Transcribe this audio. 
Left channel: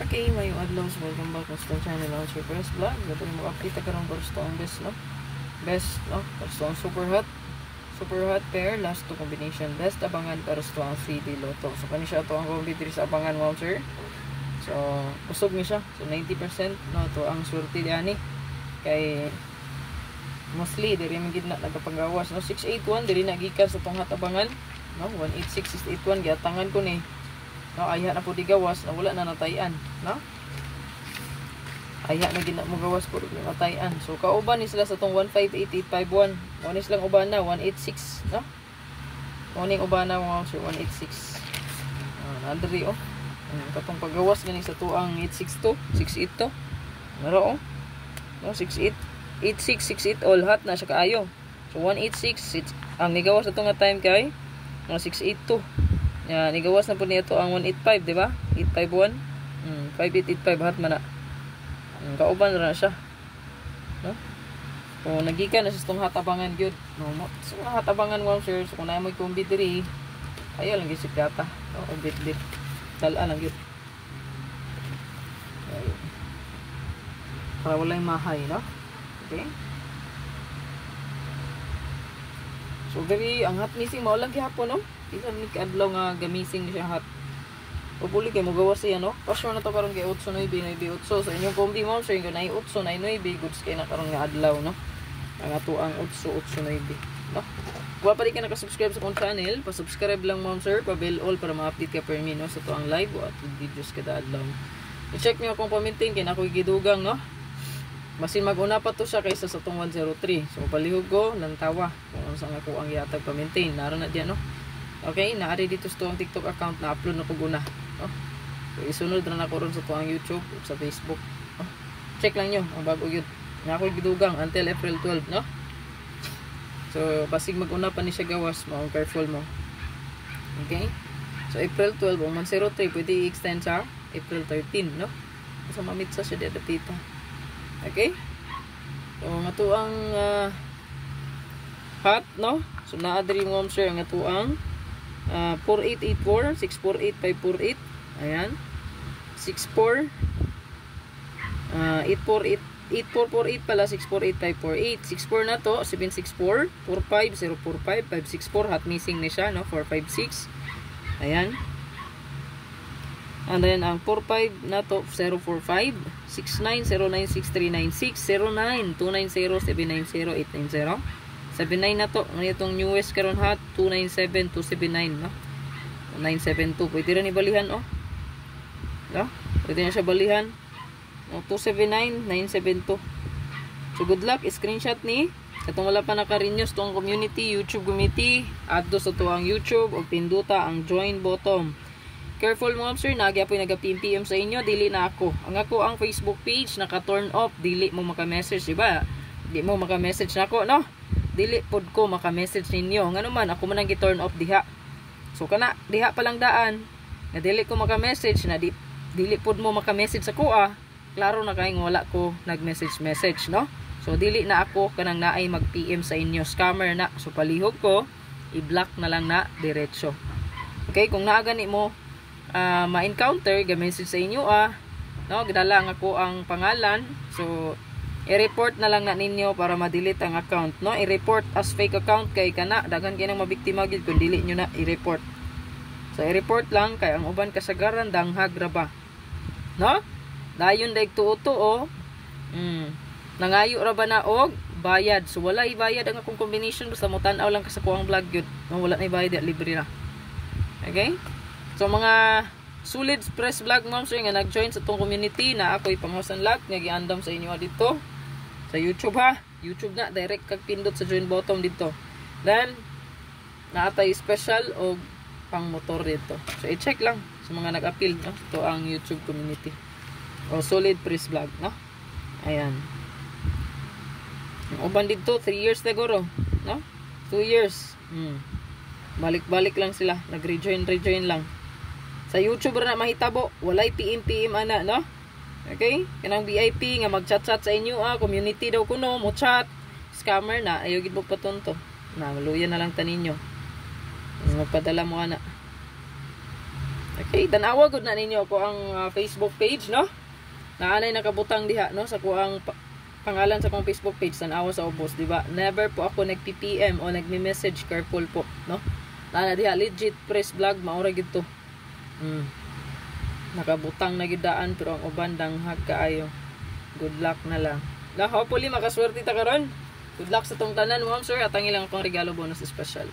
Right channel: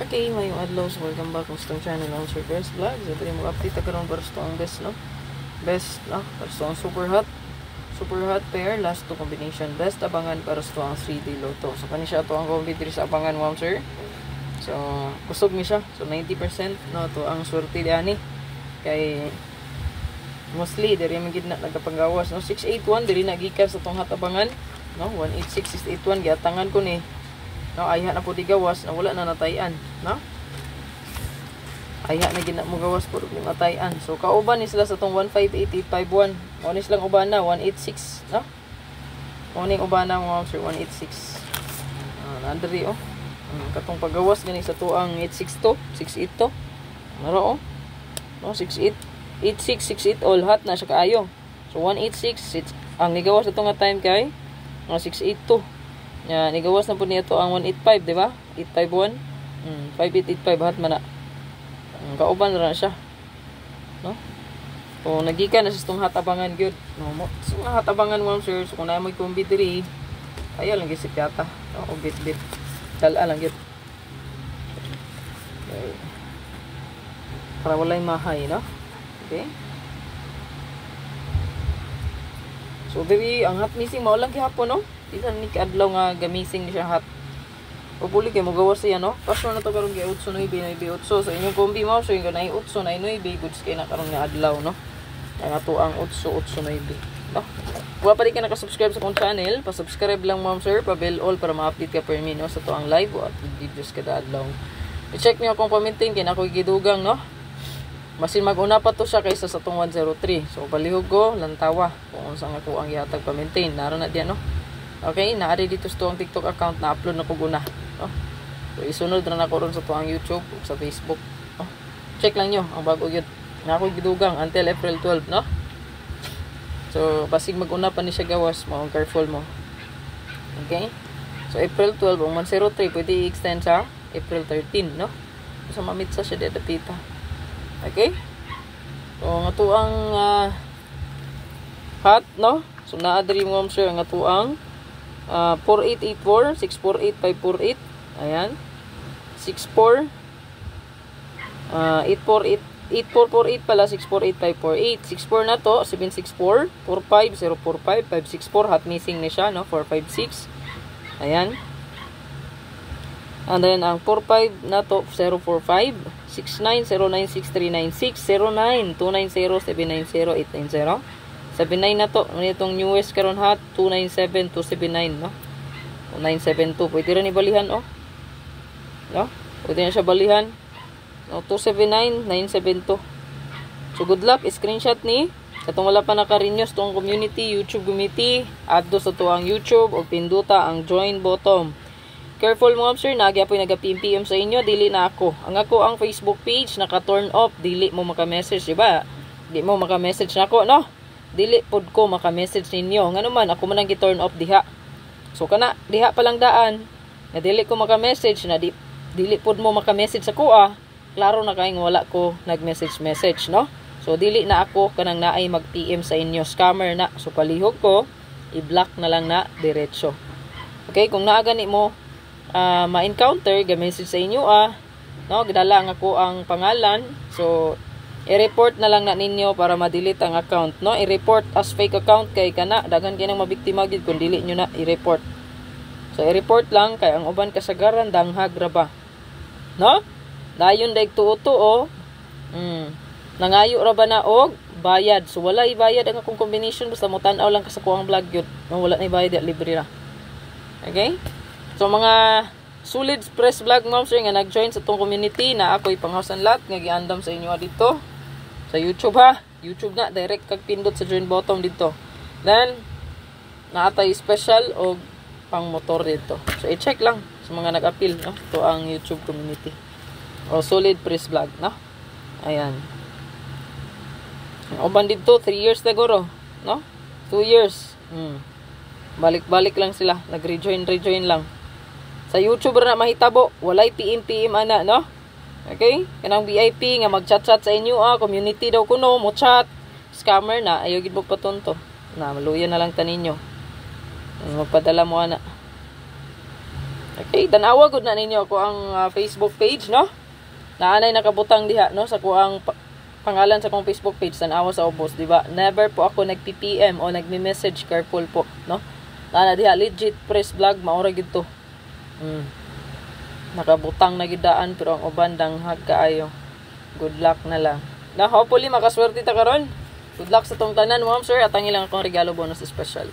Okay, mayong adlaw. Welcome back sa channel ng Sir First Vlog. Ito yung mag-update karon para sa ang best, no? Best, no? Para sa super hot pair, last two combination. Best abangan para sa ang 3D Lotto. So, kani siya to ang competitor sa abangan, wow, sir. So, kusog mi siya. So, 90%, no? To ang swerte diani. Kay mostly, diri man gid na nagapanggawas, no? 681, diri na gikan sa tong hatabangan, no? 186, 681, giatangan ko ni. No, ayha na po di gawas na wala na natayan, no? Ayha na gina mo gawas po di natayan. So kauban ni sila sa tong 158851. Mao ni silang uban na 186, no? Mao ning uban na mga sir 186. Nandiri oh. Katong paggawas gani sa tuang 862, 682. Naro oh. No, 68 8668 all hot na sa kaayo. So 186 ang nigawas sa nga time kay mga 682. Yan, igawas na po niya ito ang 185, di ba? 851. 5885 hat man na. Kauban na siya. No? So, nagikan na siya itong hatabangan good. No, so, hatabangan mo, sir. So, kung na mo yung diri, ayaw lang gisip yata. O, bit-bit. Dala lang good. Okay. Para wala yung mahay, no? Okay. So, diri, ang hot missing, maulang gihapon, no? Bisan ni adlaw nga gamising siya hot. Pupuli kay mo gawas siya, no? Pasyon na to karon kay 8-9 8. So inyong kombi mo so yung 8-9 goods kay na karon nga adlaw, no? Ang ato ang 8-9, no? Wa pa di ka naka-subscribe sa akong channel, pa-subscribe lang ma'am sir, pa-bell all para ma-update ka per minute, no? Sa to ang live at videos kada adlaw. I-check niyo akong pamiting kay nako gidugang, no? Masin mag-una pa to siya kaysa sa tong 103. So palihog ko lantawa kung unsa nga ko ang yatag pa-maintain. Naron na diyan, no? Okay, naari dito sa tuwang TikTok account na upload na ko guna. No? So, isunod na ako ron sa tuwang YouTube o sa Facebook. No? Check lang nyo ang bago yun. Na ako'y gidugang until April 12, no? So, basig mag-una pa ni siya gawas mo. Careful mo. Okay? So, April 12, ang 103, pwede i-extend sa April 13, no? So, mamitsa siya dito pita. Okay? So, nga tuwang hot, no? So, naadri mo share nga tuwang 4884, 648, 548. Ayan. 64 8448 pala, 648, 548. 64 na to, 764 45 045 564. Hot missing na siya, no? 456. Ayan. And then ang 45 na to 045 69 09 6396 09 290 790 890. 79 na to. Ano itong newest karon hot? 297 279, no? 972. Pwede rin ibalihan, oh. No? Pwede na siya balihan. No, 279 972. So, good luck. Screenshot ni. Katong wala pa naka-renews tong community, YouTube community. Add do sa to ang YouTube o pinduta ang join button. Careful mo, sir. Nagyapoy nag-PM sa inyo. Dili na ako. Ang ako ang Facebook page naka-turn off. Dili mo maka-message, diba? Di mo maka-message na ako, no? Dili pod ko maka-message ninyo. Ngano man ako man ang gi-turn off diha. So kana diha pa lang daan na dili ko maka-message na dili pod mo maka-message ako klaro na kay wala ko nag-message, no? So dili na ako kanang naay mag-PM sa inyo, scammer na. So palihog ko i-block na lang na diretso. Okay, kung naa gani mo ma-encounter ga-message sa inyo no, gidala ako ang pangalan. So i-report na lang na ninyo para ma-delete ang account, no? I-report as fake account kay kana daghan kay nang mabiktima gid kun dili nyo na i-report. So i-report lang kay ang uban kasagaran danghag ra ba, no? Dayon daig tuo-tuo nangayo ra ba na og bayad. So wala ibayad ang akong combination basta mo tan-aw lang ka sa kuang vlog gyud, no? Wala na ibayad, libre ra. Okay, so mga solid press vlog ma'am sir nga nag-join sa tong community na ako'y panghausan lot nga giandam sa inyo dito sa YouTube, ha. YouTube na direct kag pindot sa join button dito. Then naatay special o pang motor dito. So i-check lang sa mga nag-appeal, no? Ito ang YouTube community. O solid press vlog, no? Ayan. Ang uban dito 3 years siguro, no? 2 years. Balik-balik lang sila, nag-rejoin lang. Sa YouTube na mahitabo, walay PM ana, no? Okay? Kanang VIP nga mag-chat-chat sa inyo, community daw kuno, mo chat. Scammer na, ayaw gid mo patunto. Na maluya na lang taninyo. Magpadala mo ana. Okay, tanawa gud na ninyo ako ang Facebook page, no? Naanay nakabutang diha, no, sa kuang pangalan sa kong Facebook page, tanawa sa ubos, di ba? Never po ako nag-PPM o nagme-message, careful po, no? Nana diha legit press vlog maura gid to. Nakabutang na gidaan pero ang uban danghag kaayo. Good luck na lang. Na hopefully makaswerte ta karon. Good luck sa tong tanan, ma'am sir, at ang ilang akong regalo bonus special.